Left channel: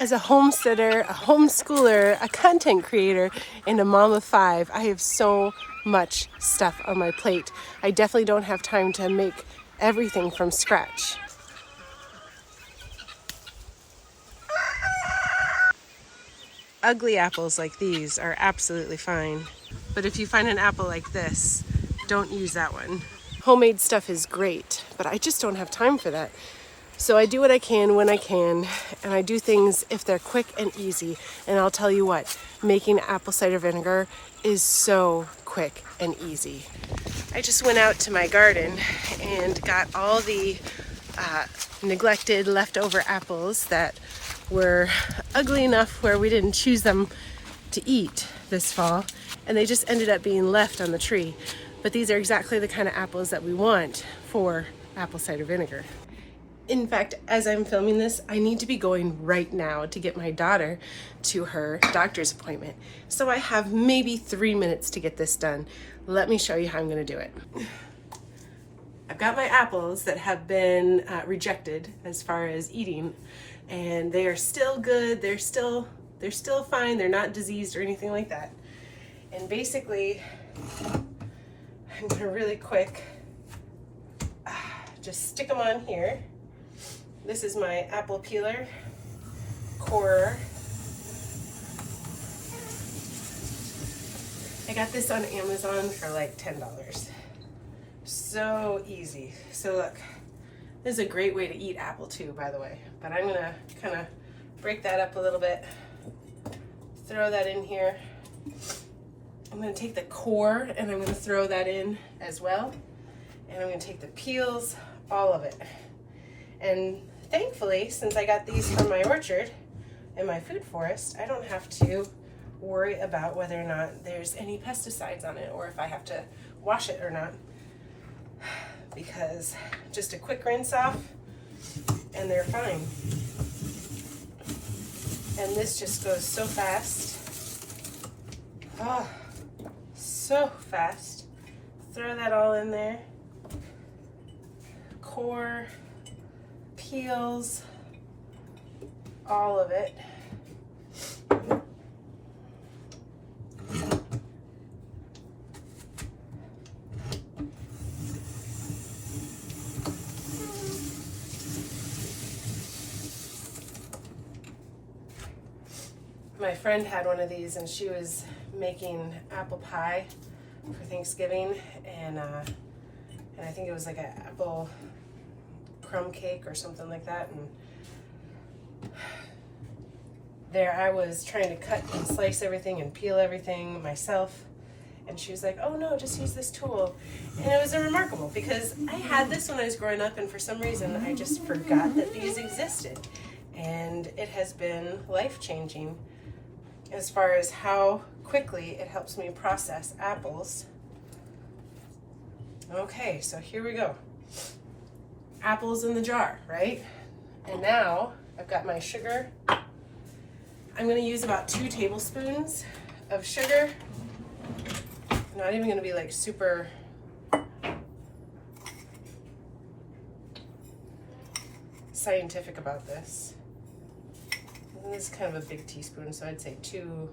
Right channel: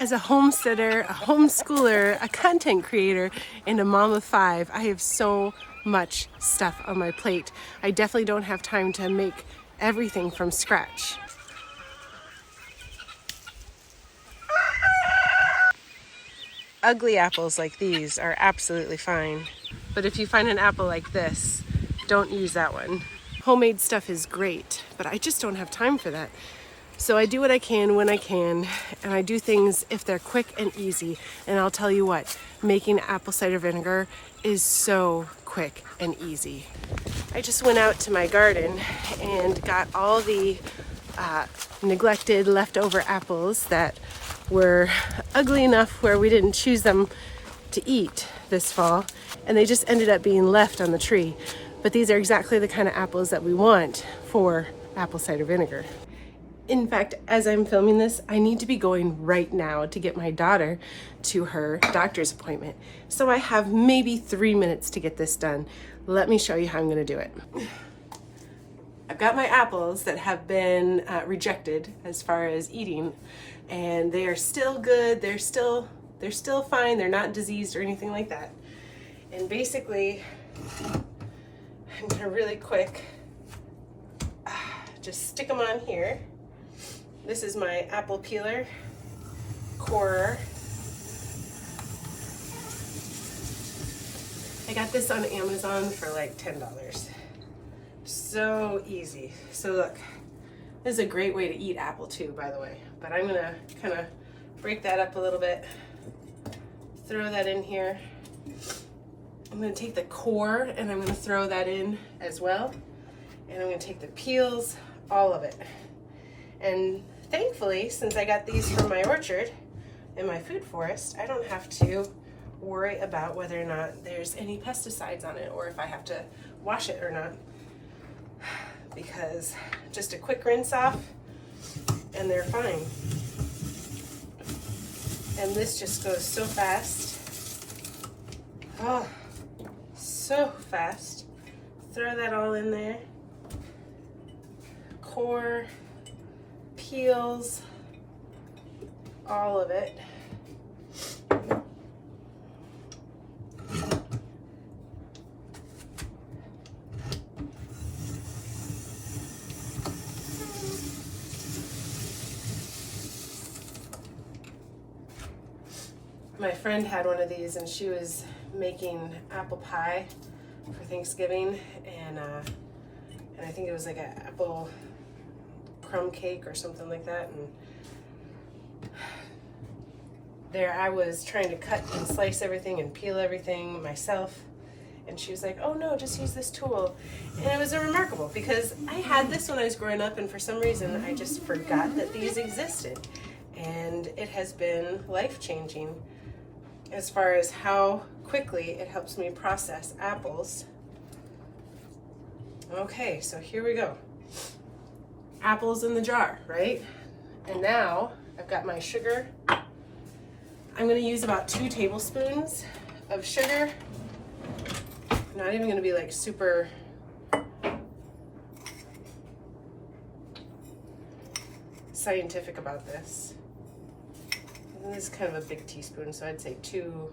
As a homesteader, a homeschooler, a content creator, and a mom of 5, I have so much stuff on my plate. I definitely don't have time to make everything from scratch. Ugly apples like these are absolutely fine. But if you find an apple like this, don't use that one. Homemade stuff is great, but I just don't have time for that. So I do what I can when I can, and I do things if they're quick and easy. And I'll tell you what, making apple cider vinegar is so quick and easy. I just went out to my garden and got all the neglected leftover apples that were ugly enough where we didn't choose them to eat this fall, and they just ended up being left on the tree. But these are exactly the kind of apples that we want for apple cider vinegar. In fact, as I'm filming this, I need to be going right now to get my daughter to her doctor's appointment. So I have maybe 3 minutes to get this done. Let me show you how I'm going to do it. I've got my apples that have been rejected as far as eating, and they are still good. They're still fine. They're not diseased or anything like that. And basically, I'm going to really quick just stick them on here. This is my apple peeler, corer. I got this on Amazon for like $10. So easy. So look, this is a great way to eat apple too, by the way. But I'm gonna kind of break that up a little bit, throw that in here. I'm gonna take the core and I'm gonna throw that in as well. And I'm gonna take the peels, all of it. And thankfully, since I got these from my orchard and my food forest, I don't have to worry about whether or not there's any pesticides on it or if I have to wash it or not. Because just a quick rinse off and they're fine. And this just goes so fast. Oh, so fast. Throw that all in there. Core, peels, all of it. My friend had one of these and she was making apple pie for Thanksgiving, and I think it was like an apple crumb cake or something like that. And there I was trying to cut and slice everything and peel everything myself, and she was like, oh no, just use this tool. And it was remarkable because I had this when I was growing up, and for some reason I just forgot that these existed, and it has been life-changing as far as how quickly it helps me process apples. Okay, so here we go. Apples in the jar, right? And now I've got my sugar. I'm gonna use about 2 tablespoons of sugar. Not even gonna be like super scientific about this. This is kind of a big teaspoon, so I'd say 2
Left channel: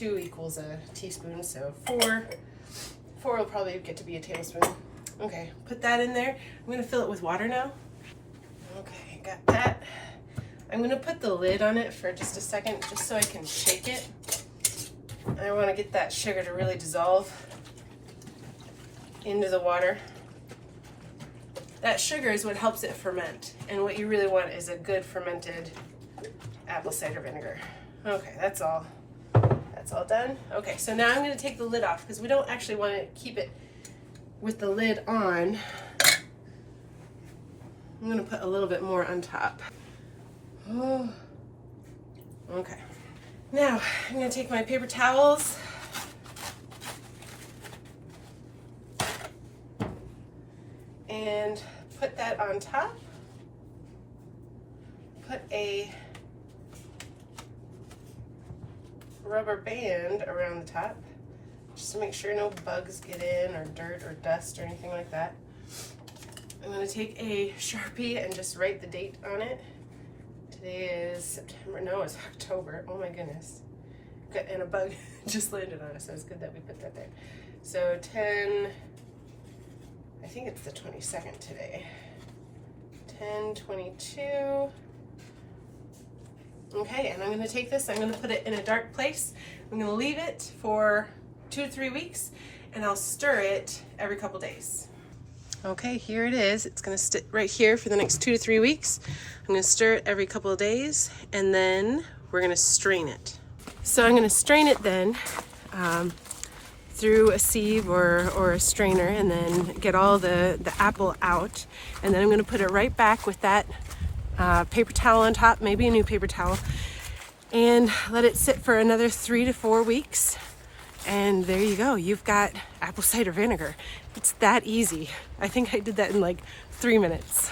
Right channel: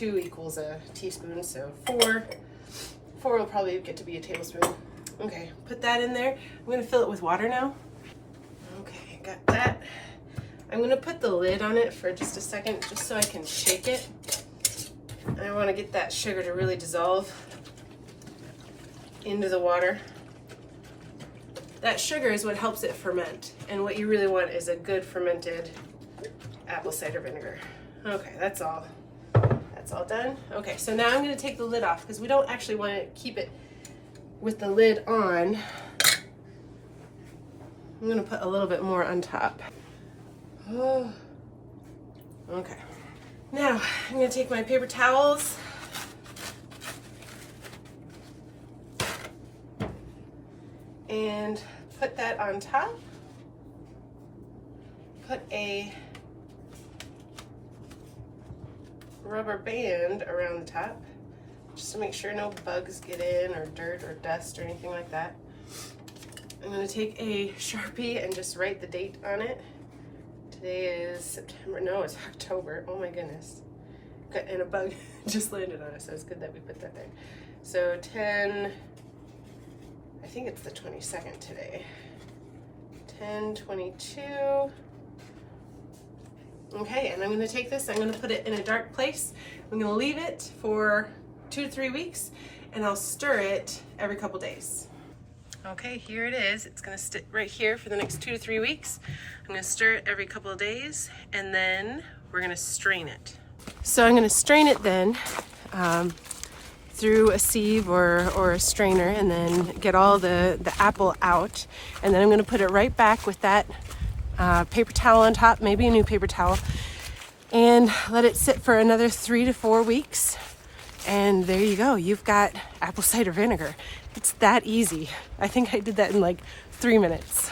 equals a teaspoon, so 4 will probably get to be a tablespoon. Okay, put that in there. I'm gonna fill it with water now. Okay, got that. I'm gonna put the lid on it for just a second, just so I can shake it. And I wanna get that sugar to really dissolve into the water. That sugar is what helps it ferment, and what you really want is a good fermented apple cider vinegar. Okay, that's all done. Okay, so now I'm going to take the lid off because we don't actually want to keep it with the lid on. I'm going to put a little bit more on top. Oh, okay. Now I'm going to take my paper towels and put that on top. Put a rubber band around the top just to make sure no bugs get in, or dirt or dust or anything like that. I'm going to take a Sharpie and just write the date on it. Today is September. No, it's October. Oh my goodness. And a bug just landed on us, so it's good that we put that there. So 10, I think it's the 22nd today. 10/22. Okay, and I'm going to take this, I'm going to put it in a dark place. I'm going to leave it for 2 to 3 weeks, and I'll stir it every couple days. Okay, here it is. It's going to sit right here for the next 2 to 3 weeks. I'm going to stir it every couple of days, and then we're going to strain it. So I'm going to strain it then through a sieve or a strainer, and then get all the apple out, and then I'm going to put it right back with that paper towel on top, maybe a new paper towel, and let it sit for another 3 to 4 weeks. And there you go, you've got apple cider vinegar. It's that easy. I think I did that in like 3 minutes.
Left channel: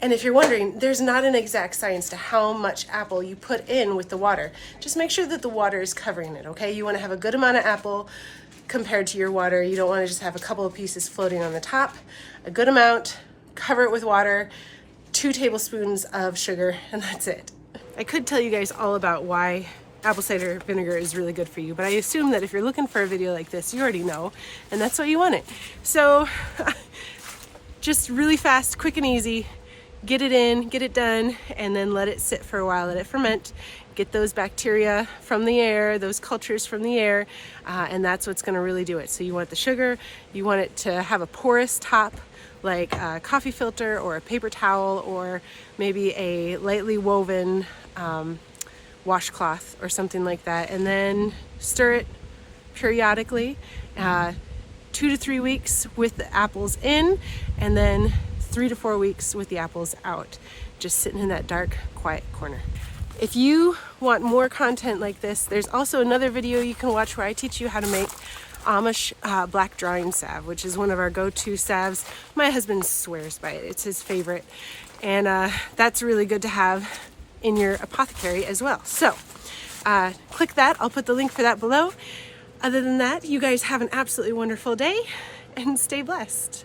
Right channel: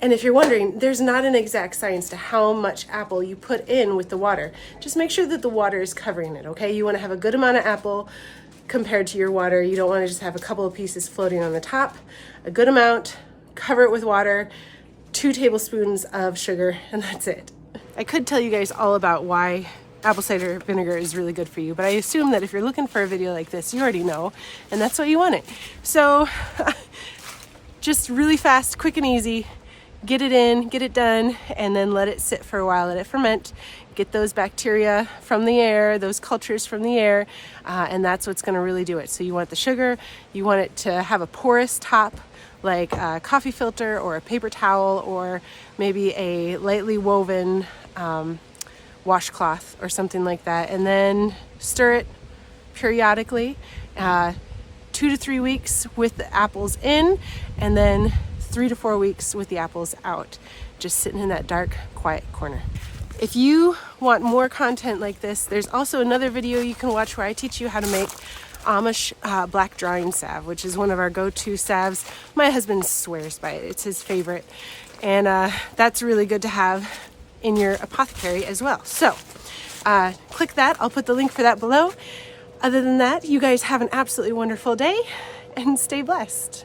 And if you're wondering, there's not an exact science to how much apple you put in with the water. Just make sure that the water is covering it, okay? You want to have a good amount of apple compared to your water. You don't want to just have a couple of pieces floating on the top. A good amount, cover it with water, 2 tablespoons of sugar, and that's it. I could tell you guys all about why apple cider vinegar is really good for you, but I assume that if you're looking for a video like this, you already know, and that's what you wanted. So just really fast, quick and easy. Get it in, get it done, and then let it sit for a while, let it ferment, get those bacteria from the air, those cultures from the air, and that's what's going to really do it. So you want the sugar, you want it to have a porous top, like a coffee filter or a paper towel, or maybe a lightly woven washcloth or something like that, and then stir it periodically, 2 to 3 weeks with the apples in, and then 3 to 4 weeks with the apples out, just sitting in that dark, quiet corner. If you want more content like this, there's also another video you can watch where I teach you how to make Amish black drying salve, which is one of our go-to salves. My husband swears by it. It's his favorite. And that's really good to have in your apothecary as well. So click that. I'll put the link for that below. Other than that, you guys have an absolutely wonderful day and stay blessed.